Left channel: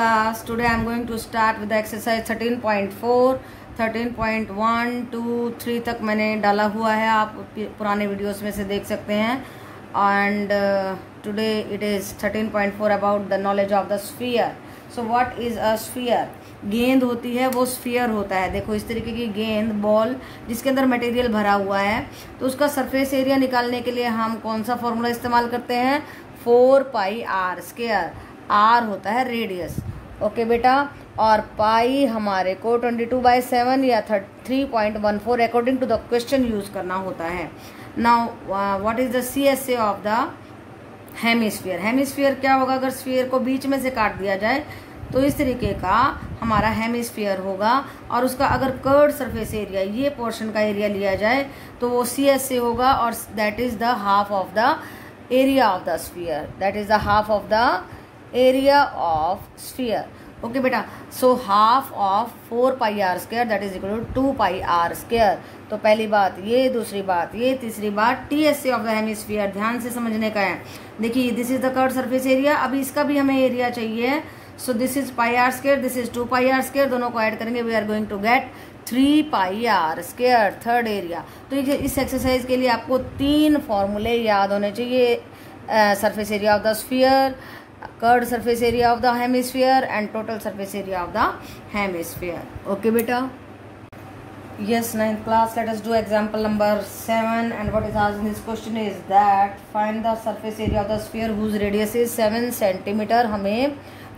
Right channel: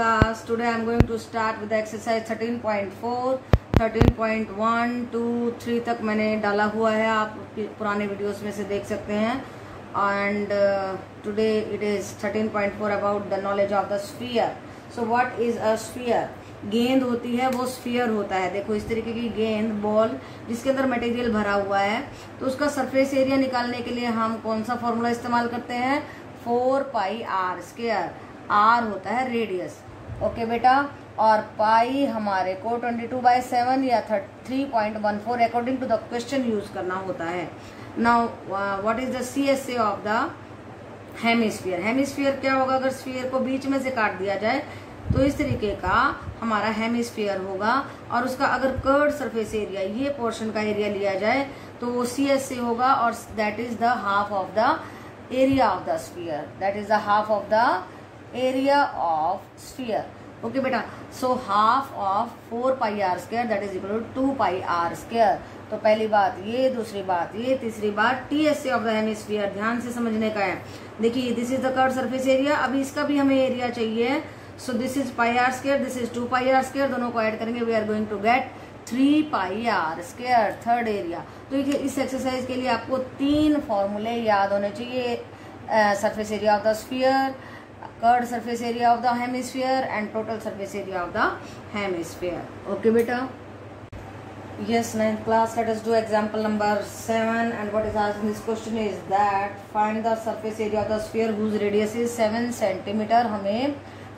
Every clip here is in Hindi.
class. Today I am going to start with the exercise 13.4, 13.1, 2, 3 तक मैंने डाला हुआ है, आप पुराने वीडियोस में से देख सकते हैं. And today it is 13.4 about the knowledge of the sphere. So what is a sphere? गेंद होती है, वो स्फीयर होता है. देखो इस तरीके की गेंद, बॉल जिसके अंदर मटेरियल भरा हुआ है, तो उसका सरफेस एरिया निकालने के लिए हम कौन सा फॉर्मूला इस्तेमाल करते हैं? 4 पाई आर स्क्वायर. आर होता है रेडियस. ओके बेटा, और पाई हमारे को 22/7 या 3.14 according to the question use करना होता है. Now what is the CSA of the hemisphere? Hemisphere क्या होगा? अगर स्फीयर को बीच में से काट दिया जाए तो इस तरीके का हमारा हेमिस्फीयर होगा, और उसका अगर कर्व सरफेस एरिया, ये पोर्शन का एरिया लिया जाए तो वो CSA होगा, और that is the half of the area of the sphere. That is the half of the area of sphere. Okay बेटा, so half of 4 pi R square that is equal to 2 pi R square. तो पहली बात ये, दूसरी बात ये, तीसरी बात TSA ऑफ द हेमिस्फीयर ध्यान से समझने का है. देखिए this is the curve surface area. अभी इसका भी हमें एरिया चाहिए. So this is pi R square, this is 2 pi R square. दोनों को ऐड करेंगे, we are going to get 3 pi R square, third area. तो इस एक्सरसाइज के लिए आपको 3 फॉर्मूले याद होने चाहिए. Surface area of the sphere, curved surface area of the hemisphere and total surface area of the hemisphere. Okay बेटा. Yes, 9th class, let us do example number 7, and what is asked in this question is that find the surface area of the sphere whose radius is 7 centimeter. हमें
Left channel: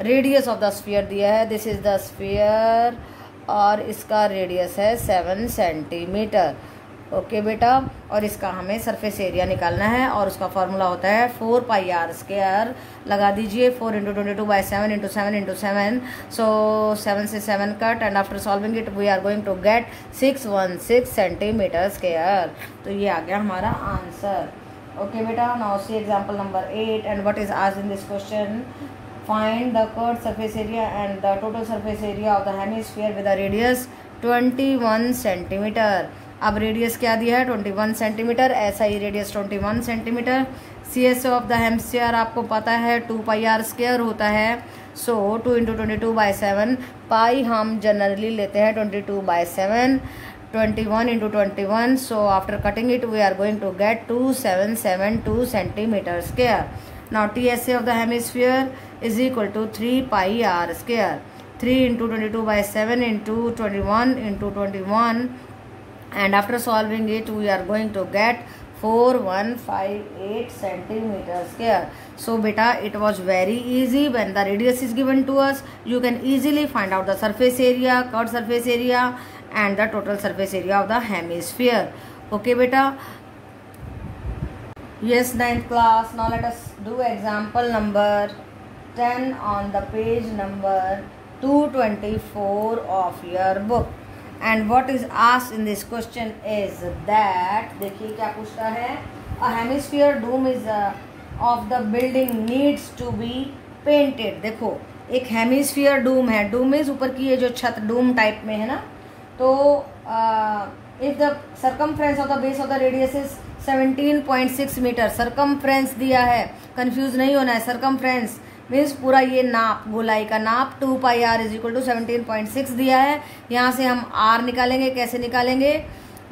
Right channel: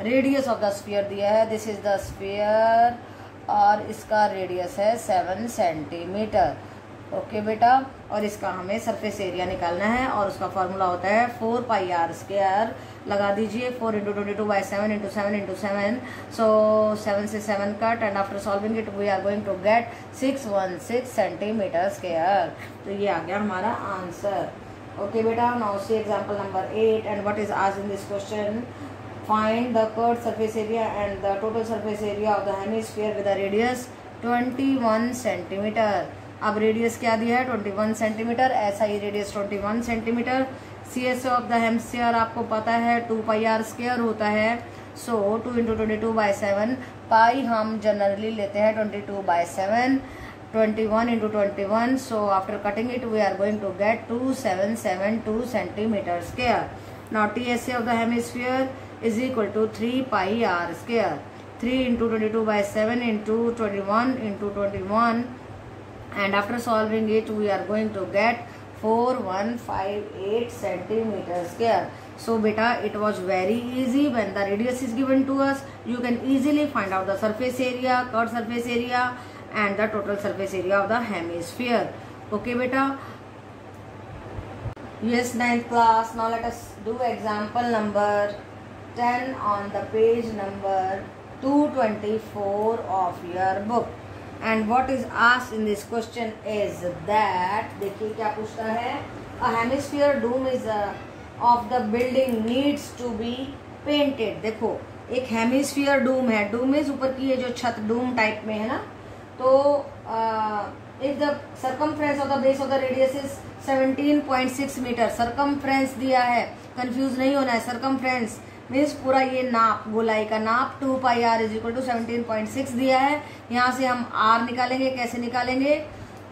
radius of the sphere दिया है. This is the sphere और इसका radius है 7 centimeter. ओके बेटा, और इसका हमें सरफेस एरिया निकालना है, और उसका फॉर्मूला होता है 4 पाई आर स्क्वायर. लगा दीजिए 4 × 22/7 × 7 × 7. सो 7 से 7 cut, and after solving it we are going to get 616 centimetre square. तो ये आ गया हमारा आंसर. ओके बेटा, now see example number 8, and what is asked in this question. Find the curved surface area and the total surface area of the hemisphere with a radius 21 centimetre. अब रेडियस क्या दिया है? 21 सेंटीमीटर. ऐसा ही radius 21 centimetre. CSA of the hemisphere आपको पता है 2 पाई आर स्क्वायर होता है. सो 2 × 22/7. पाई हम जनरली लेते हैं 22/7. 21 × 21. So after cutting it we are going to get 2772 centimetre square. Now TSA of the hemisphere is equal to 3 pi R square. 3 × 22/7 × 21 × 21. And after solving it we are going to get 4158 centimeter square. So beta, it was very easy. When the radius is given to us, you can easily find out the surface area, curved surface area and the total surface area of the hemisphere. Okay beta. Yes, 9th class. Now let us do example number 10 on the page number 224 of your book. And what is asked in this question is that, देखिए क्या पूछता है. A hemisphere dome is of the building needs to be painted. देखो एक हेमिस्फीयर डूम है. डूम इज ऊपर की ये जो छत डूम टाइप में है ना. तो if the circumference of the base of the radius is 17.6 metre. Circumference दिया है, कंफ्यूज नहीं होना है. सरकमफ्रेंस मीन्स पूरा ये नाप, गोलाई का नाप. 2 pi are is equal to 17.6 दिया है. यहाँ से हम आर निकालेंगे. कैसे निकालेंगे?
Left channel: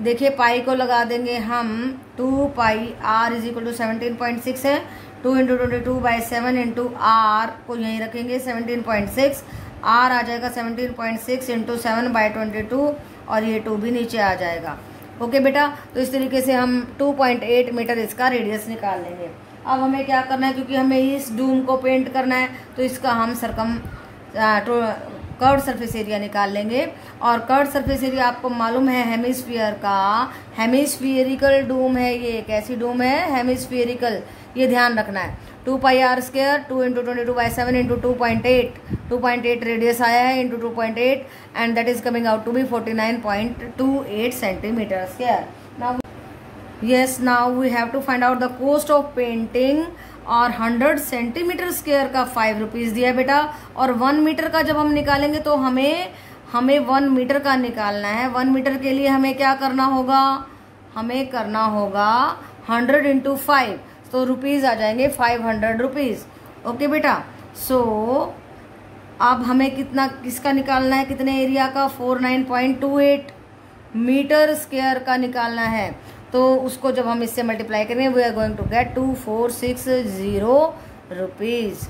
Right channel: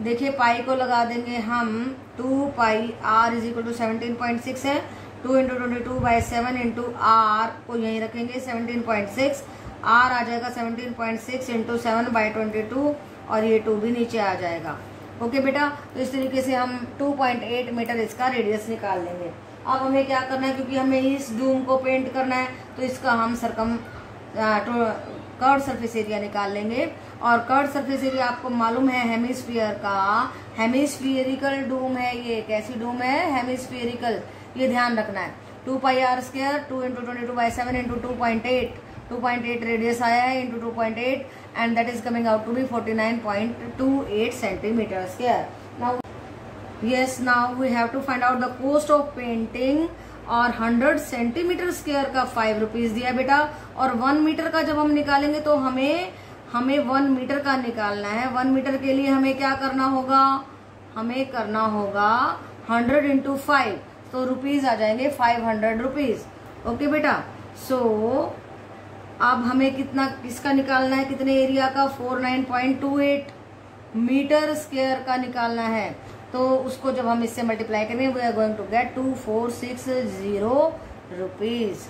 देखिए पाई को लगा देंगे हम 2 pi are is equal to 17.6 है. 2 × 22/7 × आर को यहीं रखेंगे 17.6. आर आ जाएगा 17.6 × 7/22, और ये 2 भी नीचे आ जाएगा. ओके बेटा, तो इस तरीके से हम 2.8 मीटर इसका रेडियस निकाल लेंगे. अब हमें क्या करना है, क्योंकि हमें इस डूम को पेंट करना है, तो इसका हम कर्व्ड सरफेस एरिया निकाल लेंगे. और कर्व्ड सरफेस एरिया आपको मालूम है हेमिस्फीयर का हेमिस्फीरिकल डूम है. ये कैसी डूम है? हेमिस्फीरिकल. ये ध्यान रखना है. 2 पाई आर स्क्वायर, 2 × 22/7 × 2.8. 2.8 रेडियस आया है × 2.8, and that is coming out to be 49.28 centimetre square. Now yes, now we have to find out the cost of painting. और 100 सेंटीमीटर स्क्वायर का 5 रुपीज दिया बेटा. और 1 मीटर का जब हम निकालेंगे तो हमें 1 मीटर का निकालना है. 1 मीटर के लिए हमें क्या करना होगा? हमें करना होगा 100 × 5. तो रुपीज आ जाएंगे 500 रुपीज. ओके बेटा. सो अब हमें कितना किसका निकालना है, कितने एरिया का, 49.28 मीटर स्क्वायर का निकालना है। तो उसको जब हम इससे मल्टीप्लाई करेंगे we are going to get 2460 rupees.